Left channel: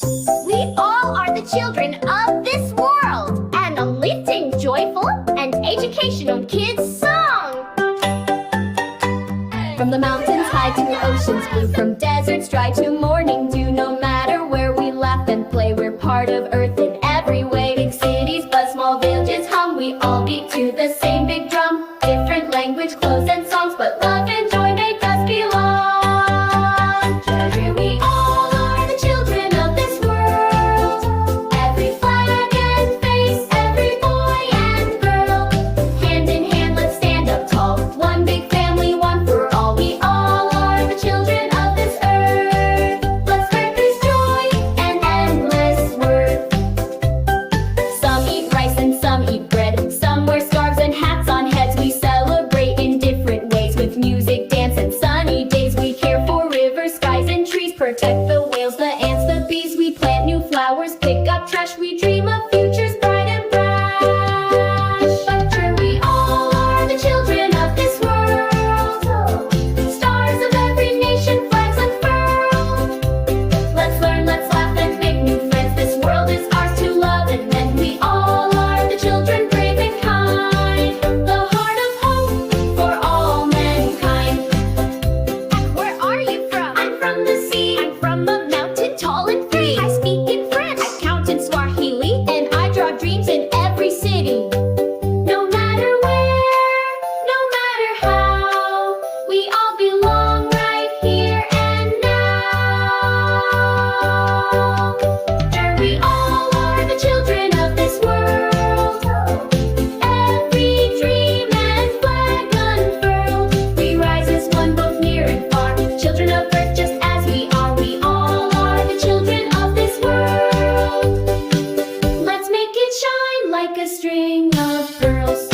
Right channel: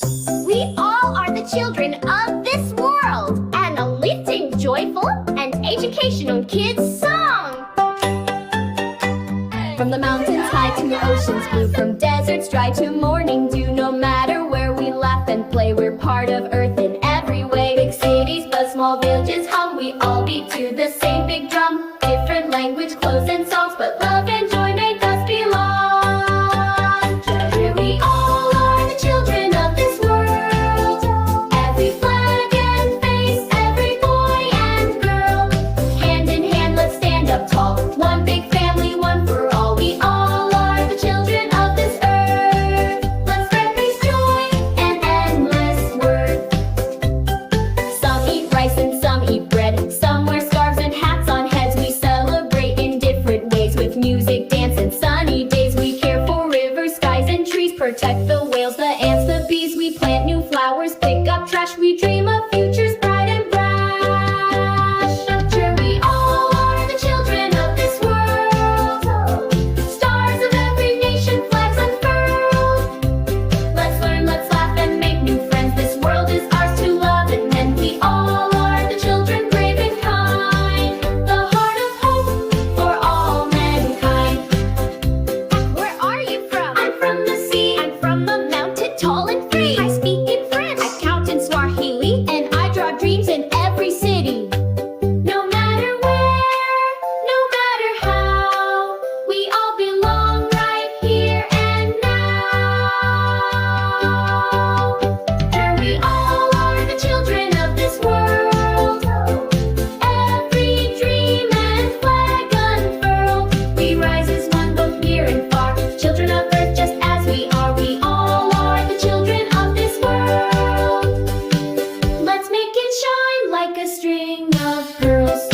We all are the children of this world. An uplifting, joyful, and educational kids song. From the mountains high to oceans blue, from deserts dry to morning dew, no matter where we laugh and play, we're part of earth in every way. Big cities buzz, small villages hum, we all beat to the same big drum. Different language, clothes, and songs, but love and joy make us belong. Together we all are the children of this world. Every flag and face, every boy and girl. Hand in hand, let's stand up tall. One big family, one for all. We all are the children of this earth. Let's spread peace, joy, and endless worth. Some eat rice and some eat bread. Some wear scarves and hats on heads. We celebrate in different ways with music, dance, and sunny days. We care for rivers, skies, and trees. Protect the whales, the ants, the bees. We plant new flowers, pick up trash. We dream of futures bright and brash. Sure, we all are the children of this world. Stars of every nation, flags unfurled. Let's learn, let's laugh, and make new friends. This world is ours to love and mend. We all are the children, brave and kind. The heart of hope for all mankind. Where are you from? I'm from the sea. I'm from a mountain tall and free. I speak in French. I count in Swahili. And I draw dreams in every city. No matter where, no matter how, we all belong right here and now. Sure, we all are the children of this world. Every dream and flag unfurled. We rise as one, both near and far. Children of earth, just as we are. We all are the children of this world. Let's make it shine like a string of pearls.